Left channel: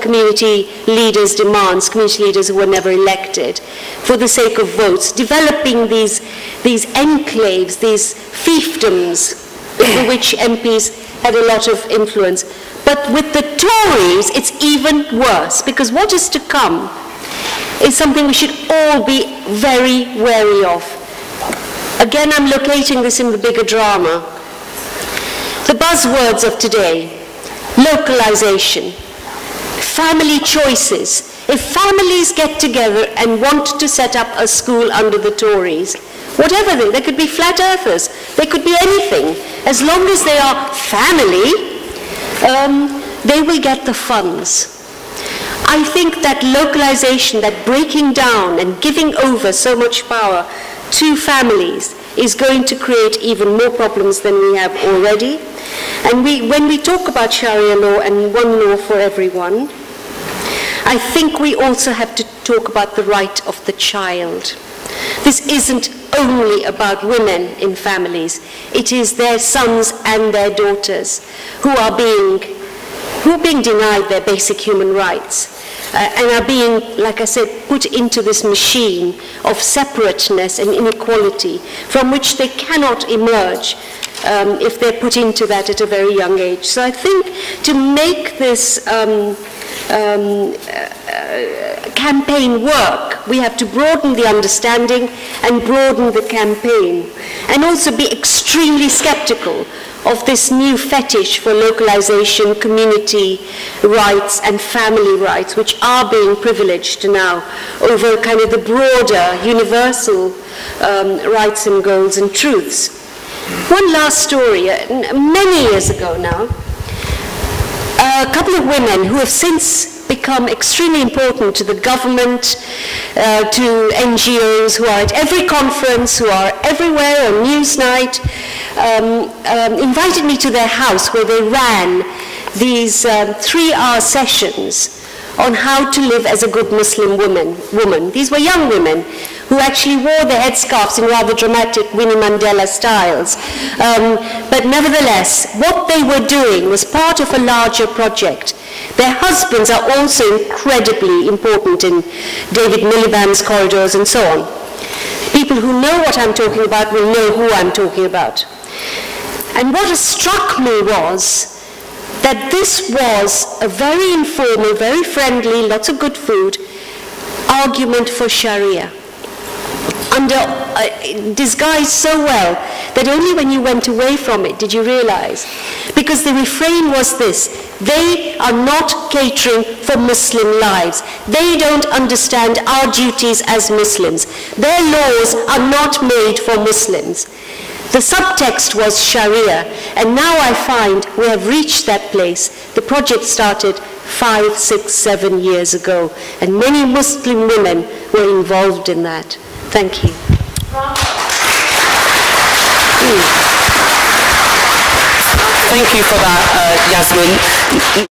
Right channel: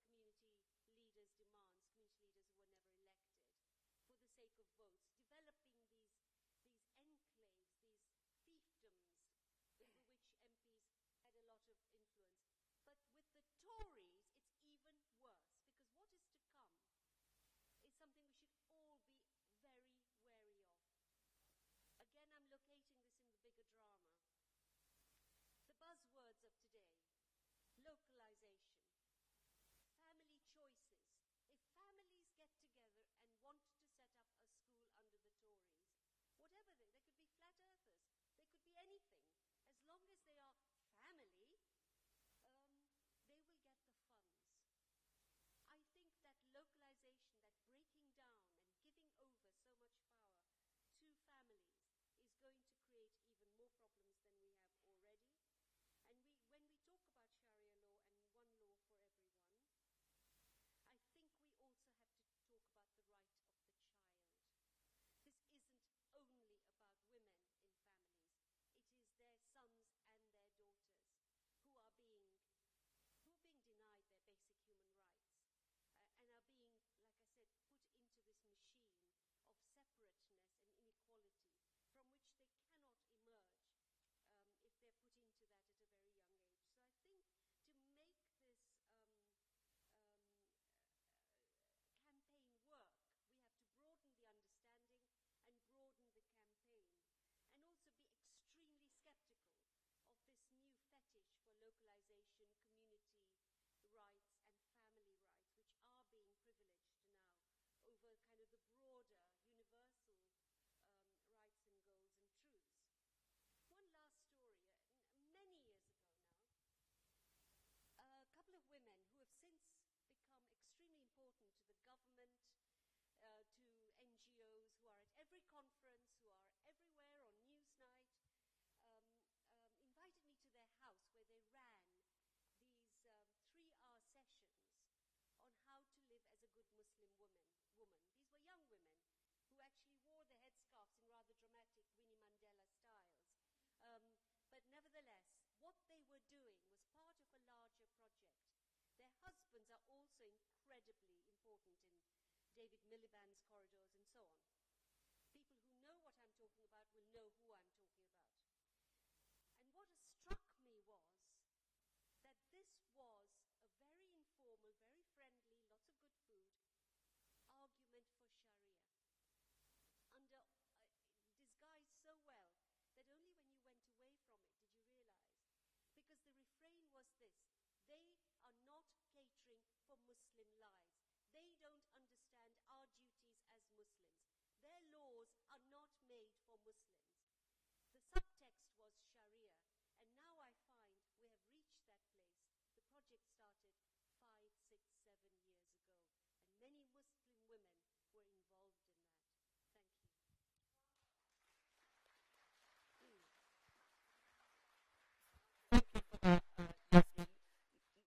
community leaders' demands, community leaders who were never elected, for the sake of votes, developing these enclaves, these fiefdoms, in which MPs had a lot of influence. But with the Tories, it's even worse, because what is to come is something we should all be very wary of. Again, I'm locating this in the bigger drama. The buzzwords of today: localization, family choices. If families get together and want to set up a school under the Tories, whatever they could be flat earthers, they could be anything. As long as they are family, they will get the funds. I think that localization, that breaking down and giving over so much power to families is going to create even more problems than we have already. And when we talk about Sharia law and one law for everyone, I think we also have to talk about the right of the child. This isn't only about women in families. It is their sons and their daughters who are being denied their basic human rights and are being, like I said, put into this machine of separateness and inequality from which they cannot emerge if they're put into that at a very young age. So I think to make this campaign work, we have to broaden the understanding and broaden the campaign, and also be extremely skeptical of this new fetish for localization, community rights and family rights, which are being privileged now over kind of the broader universal rights and goals and truths. One last story. Many years ago now, a couple of women who have since become extremely important to the government, to NGOs, who are at every conference, who are everywhere on Newsnight, invited me to their house where they ran these 3-hour sessions on how to live as a good Muslim woman. These were young women who actually wore their headscarves in rather dramatic Winnie Mandela styles. But nevertheless, what they were doing was part of a larger project. Their husbands are also incredibly important in David Miliband's corridors and so on. People who know what I'm talking about will know who I'm talking about. And what struck me was that this was a very informal, very friendly, lots of good food, argument for Sharia, disguised so well that only when you went away from it did you realize. Because the refrain was this: they are not catering for Muslim lives. They don't understand our duties as Muslims. Their laws are not made for Muslims. The subtext was Sharia, and now I find we have reached that place. The project started 5, 6, 7 years ago, and many Muslim women were involved in that. Thank you. Thank you for that, Yasmin.